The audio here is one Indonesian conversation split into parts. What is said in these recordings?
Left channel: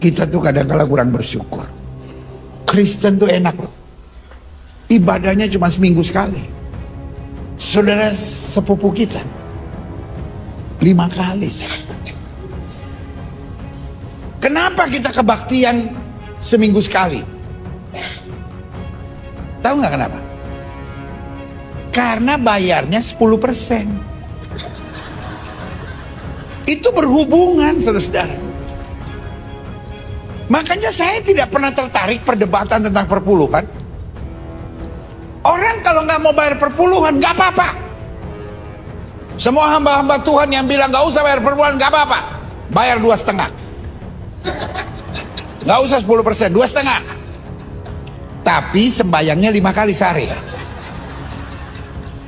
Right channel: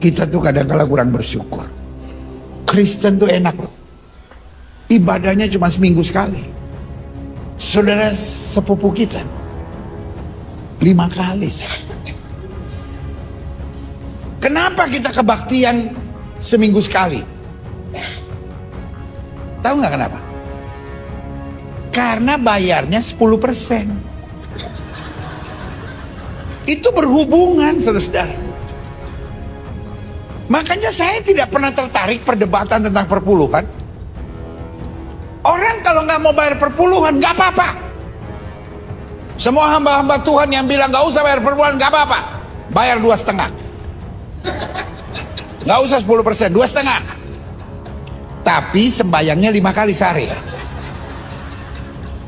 Kita tuh kadang-kala kurang bersyukur. Kristen tuh enak loh. Ibadahnya cuma seminggu sekali. Saudara sepupu kita 5 kali. Kenapa kita kebaktian seminggu sekali? Tahu nggak kenapa? Karena bayarnya 10%. Itu berhubungan, saudara-saudara. Makanya saya tidak pernah tertarik perdebatan tentang perpuluhan. Orang kalau nggak mau bayar perpuluhan, nggak apa-apa. Semua hamba-hamba Tuhan yang bilang nggak usah bayar perpuluhan, nggak apa-apa. Bayar 2,5. Nggak usah 10%, 2,5. Tapi sembayangnya 5 kali sehari.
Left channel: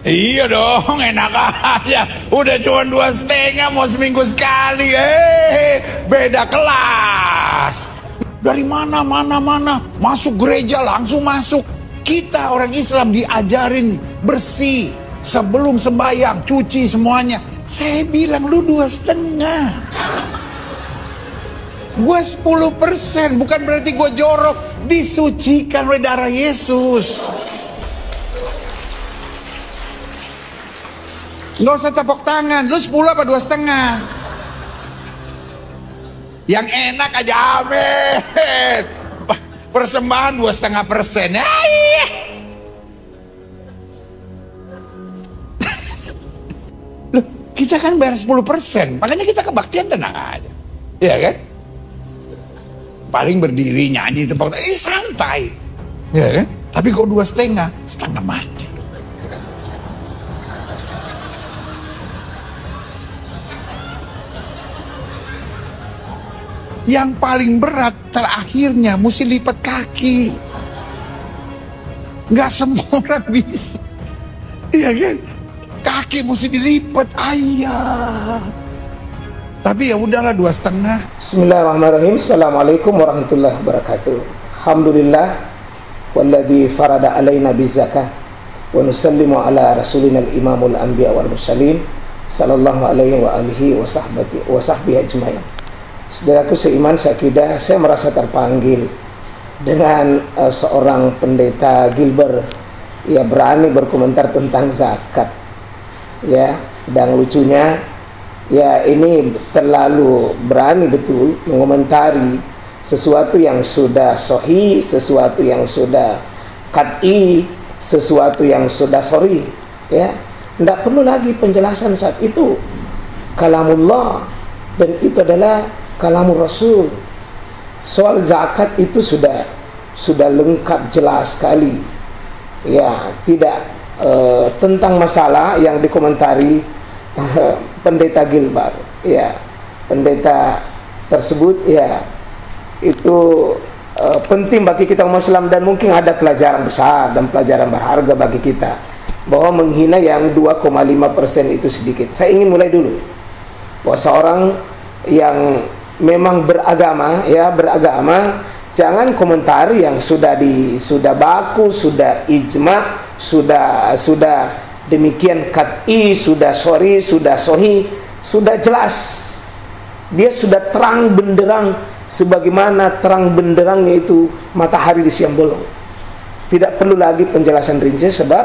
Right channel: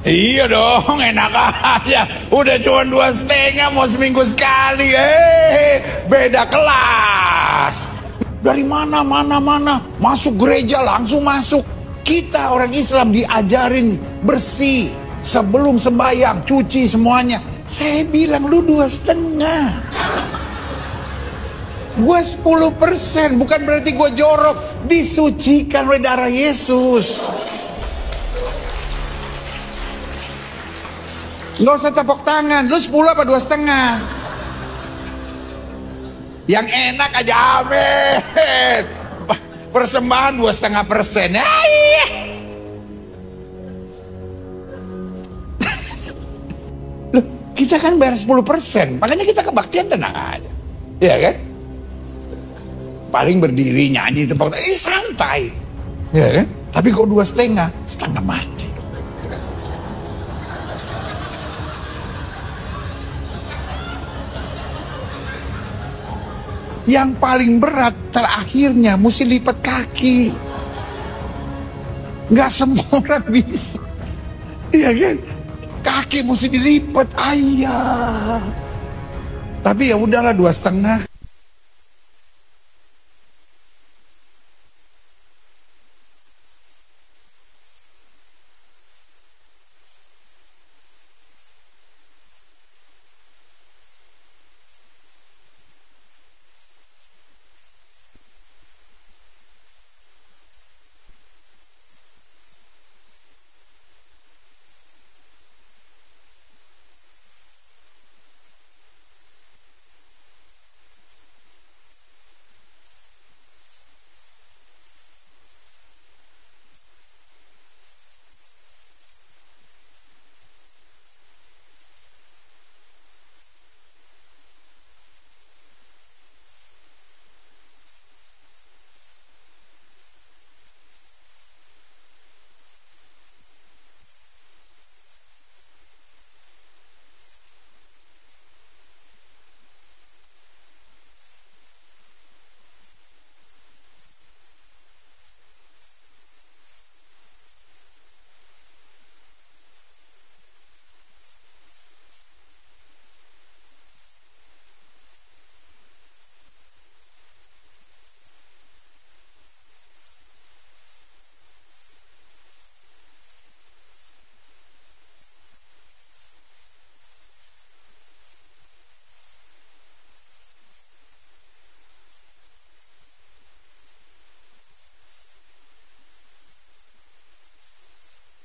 Iya dong, enak aja. Udah cuma 2,5, mau seminggu sekali. Beda kelas. Dari mana, masuk gereja langsung masuk. Kita orang Islam diajarin bersih sebelum sembahyang, cuci semuanya. Saya bilang lu 2,5. Gue 10%, bukan berarti gue jorok. Disucikan oleh darah Yesus. Nggak usah tepuk tangan. Lu 10 apa 2,5? Yang enak aja, amin. Persembahan 2,5%. Iya. Loh, kita kan bayar 10%. Makanya kita kebaktian tenang aja. Iya kan? Paling berdiri nyanyi tepuk tangan, santai. Iya kan? Tapi kok 2,5, setengah mati. Yang paling berat terakhirnya mesti lipat kaki. Nggak semua orang bisa. Iya kan? Kaki mesti dilipat. Ayah. Tapi ya udahlah 2,5. Bismillahirrahmanirrahim. Assalamualaikum warahmatullahi wabarakatuh. Alhamdulillah walladzi farada alaina bizakah wa nusallimu ala rasulina al-imamul anbiya wal mursalin sallallahu alaihi wa alihi wa sahbihi ajmain. Saudaraku seiman seakidah, saya merasa terpanggil dengan seorang pendeta Gilbert. Ya, berani berkomentar tentang zakat. Ya, dan lucunya, ya ini terlalu berani betul mengomentari sesuatu yang sudah sahih, sesuatu yang sudah qat'i, sesuatu yang sudah sharih. Ya, tidak perlu lagi penjelasan saat itu. Kalamullah, dan itu adalah kalamur Rasul. Soal zakat itu sudah lengkap, jelas sekali. Ya, tidak tentang masalah yang dikomentari pendeta Gilbert. Ya, pendeta tersebut ya itu penting bagi kita umat Islam, dan mungkin ada pelajaran besar dan pelajaran berharga bagi kita, bahwa menghina yang 2,5% itu sedikit. Saya ingin mulai dulu bahwa seorang yang memang beragama, jangan komentari yang sudah baku, sudah ijma, sudah demikian qat'i, sudah sharih, sudah sahih, sudah jelas. Dia sudah terang benderang, sebagaimana terang benderangnya itu matahari di siang bolong. Tidak perlu lagi penjelasan rinci, sebab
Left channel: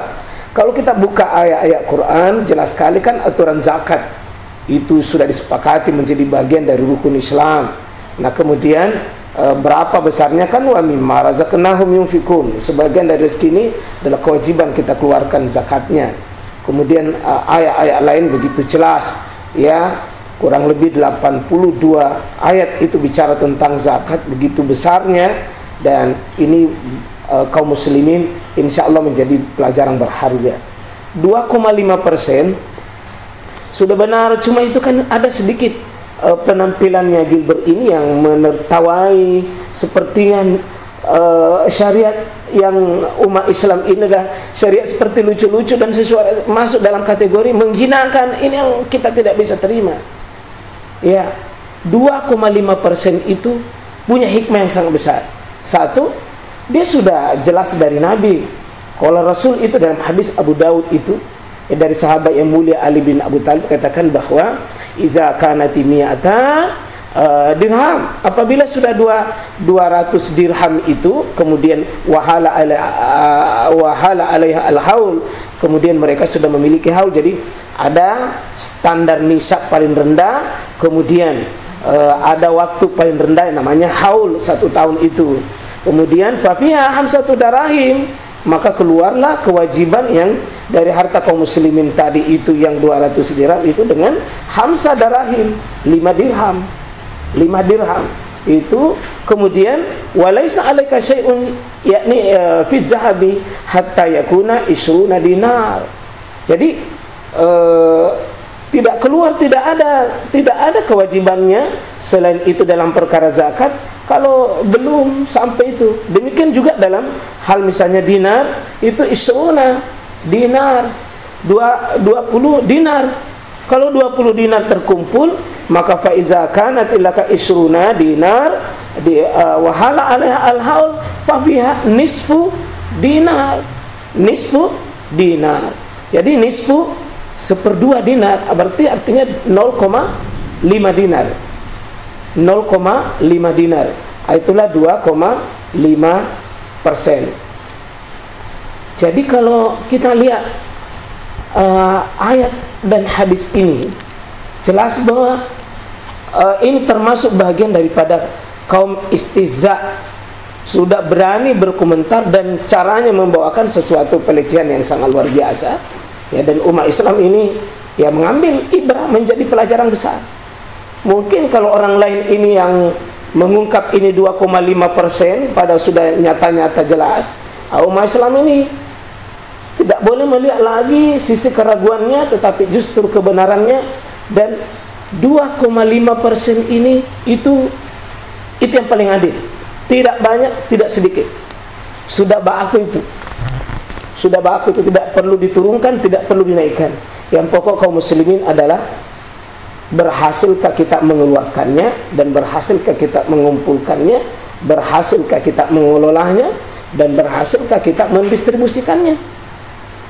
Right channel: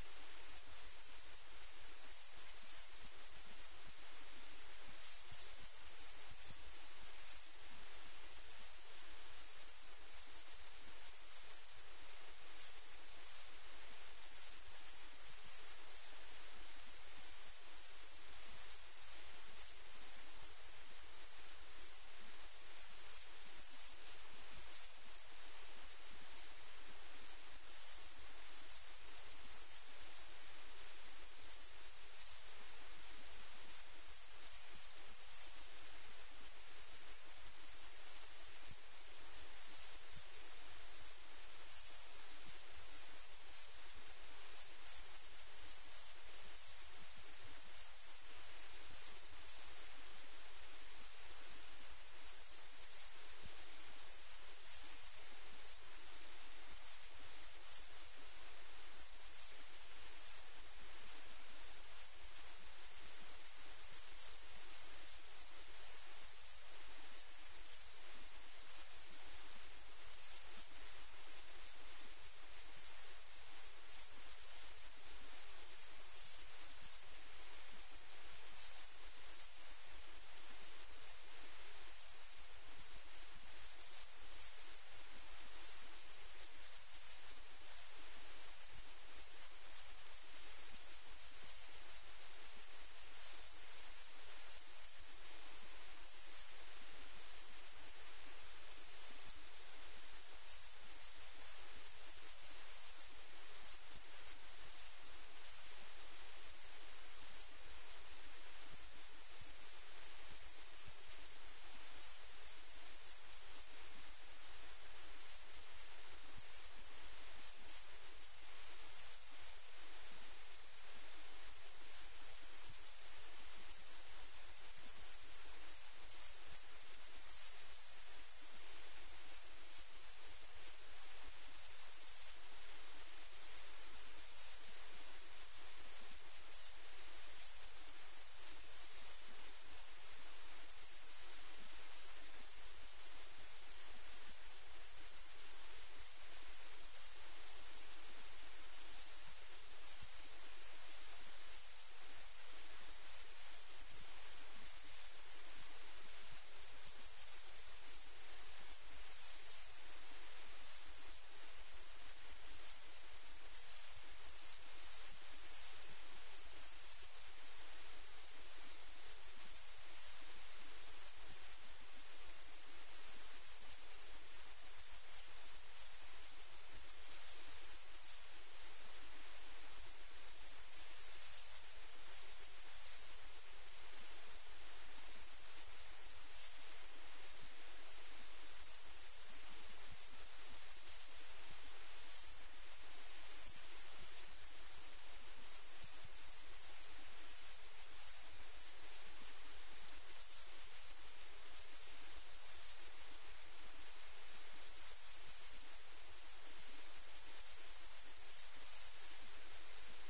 kalau kita buka ayat-ayat Quran, jelas sekali kan aturan zakat itu sudah disepakati menjadi bagian dari rukun Islam. Nah, kemudian berapa besarnya kan wa mimma razaqnahum yunfikun. Sebagian dari rezeki ini adalah kewajiban kita keluarkan zakatnya. Kemudian ayat-ayat lain begitu jelas, ya, kurang lebih 82 ayat itu bicara tentang zakat begitu besarnya, dan ini kaum muslimin insya Allah menjadi pelajaran berharga. 2,5% sudah benar, cuma itu kan ada sedikit penampilannya Gilbert ini yang menertawai, sepertinya syariat yang umat Islam ini adalah syariat seperti lucu-lucu dan sesuatu masuk dalam kategori menghinakan. Ini yang kita tidak bisa terima. Ya, 2,5% itu punya hikmah yang sangat besar. Satu, dia sudah jelas dari Nabi. Kalau Rasul itu dalam hadis Abu Daud itu, dari sahabat yang mulia Ali bin Abu Talib katakan bahwa iza kanati mi'atan dirham. Apabila sudah 200 dirham itu, kemudian wahala alaiha al-haul, kemudian mereka sudah memiliki haul. Jadi ada standar nisab paling rendah, kemudian ada waktu paling rendah yang namanya haul, 1 tahun itu. Kemudian fafiha hamsatu darahim, maka keluarlah kewajiban yang dari harta kaum muslimin tadi itu yang 200 dirham itu dengan hamsa darahim, 5 dirham itu. Kemudian walaisa alaika syai'un yakni fi zahabi hatta yakuna isruna dinar. Jadi tidak keluar, tidak ada kewajibannya selain itu dalam perkara zakat kalau belum sampai itu. Demikian juga dalam hal misalnya dinar, itu isruna dinar, 20 dinar. Kalau 20 dinar terkumpul, maka faiza kanat ilaka isruna dinar wahala alaiha al-haul fa fiha nisfu dinar. Jadi nisfu 1/2 dinar, berarti artinya 0,5 dinar. 0,5 dinar. Itulah 2,5%. Jadi kalau kita lihat ayat dan hadis ini, jelas bahwa ini termasuk bagian daripada kaum istihza, sudah berani berkomentar dan caranya membawakan sesuatu pelecehan yang sangat luar biasa. Ya, dan umat Islam ini ya mengambil ibrah menjadi pelajaran besar. Mungkin kalau orang lain ini yang mengungkap ini 2,5% pada sudah nyata-nyata jelas, umat Islam ini tidak boleh melihat lagi sisi keraguannya, tetapi justru kebenarannya. Dan 2,5% ini itu yang paling adil. Tidak banyak, tidak sedikit. Sudah baku itu. Tidak perlu diturunkan, tidak perlu dinaikkan. Yang pokok kaum muslimin adalah berhasilkah kita mengeluarkannya, dan berhasilkah kita mengumpulkannya, berhasilkah kita mengelolanya, dan berhasilkah kita mendistribusikannya.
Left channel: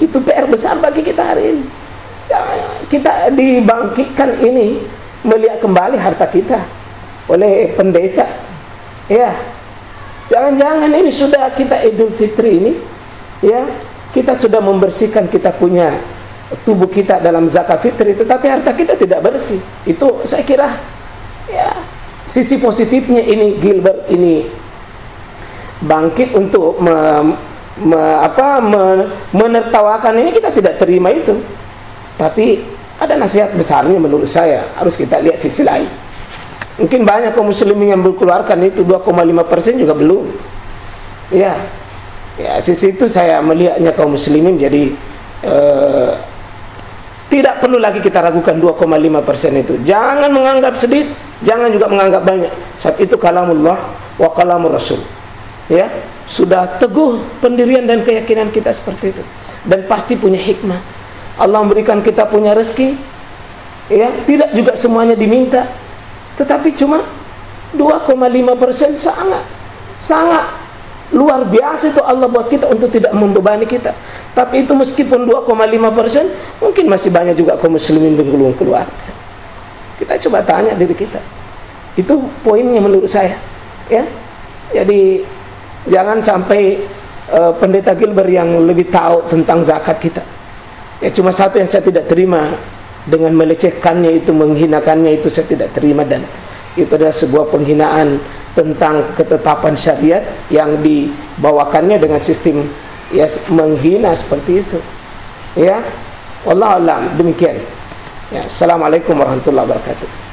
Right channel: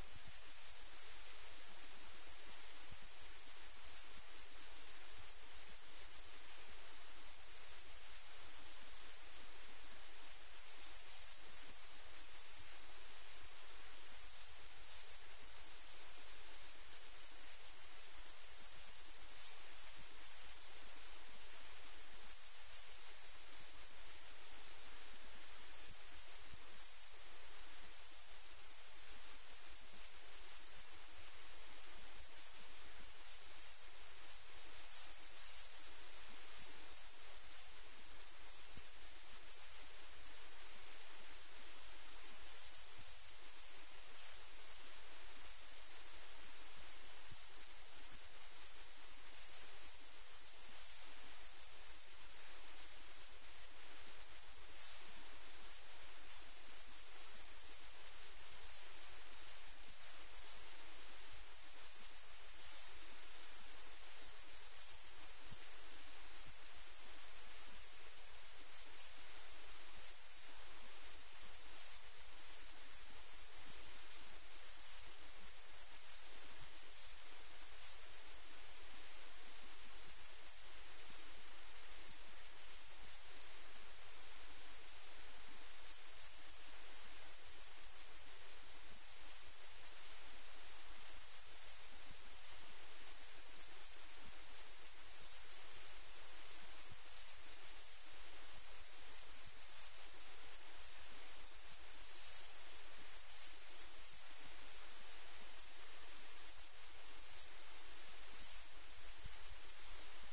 Itu PR besar bagi kita hari ini. Ya, kita dibangkitkan ini melihat kembali harta kita oleh pendeta. Ya, jangan-jangan ini sudah kita Idul Fitri ini, ya, kita sudah membersihkan kita punya tubuh kita dalam zakat fitri, tetapi harta kita tidak bersih. Itu saya kira ya sisi positifnya ini Gilbert ini bangkit untuk menertawakan ini, kita tidak terima itu. Tapi ada nasihat besarnya menurut saya, harus kita lihat sisi lain. Mungkin banyak kaum muslimin yang berkeluarkan itu 2,5% juga belum. Ya, sisi itu saya melihatnya kaum muslimin jadi tidak perlu lagi kita ragukan 2,5% itu. Jangan menganggap sedikit, jangan juga menganggap banyak. Sebab itu kalamullah wa kalamur rasul. Ya, sudah teguh pendirian dan keyakinan kita seperti itu. Dan pasti punya hikmah. Allah memberikan kita punya rezeki. Ya, tidak juga semuanya diminta. Tetapi cuma 2,5% sangat luar biasa itu Allah buat kita untuk tidak membebani kita. Tapi itu meskipun 2,5%, mungkin masih banyak juga kaum muslimin belum keluar. Kita coba tanya diri kita. Itu poinnya menurut saya. Ya, jadi jangan sampai pendeta Gilbert yang lebih tahu tentang zakat kita. Ya, cuma satu yang saya tidak terima, dengan melecehkannya itu, menghinakannya itu saya tidak terima, dan itu adalah sebuah penghinaan tentang ketetapan syariat yang dibawakannya dengan sistem ya menghina seperti itu. Ya, wallahu a'lam, demikian. Ya, assalamualaikum warahmatullahi wabarakatuh.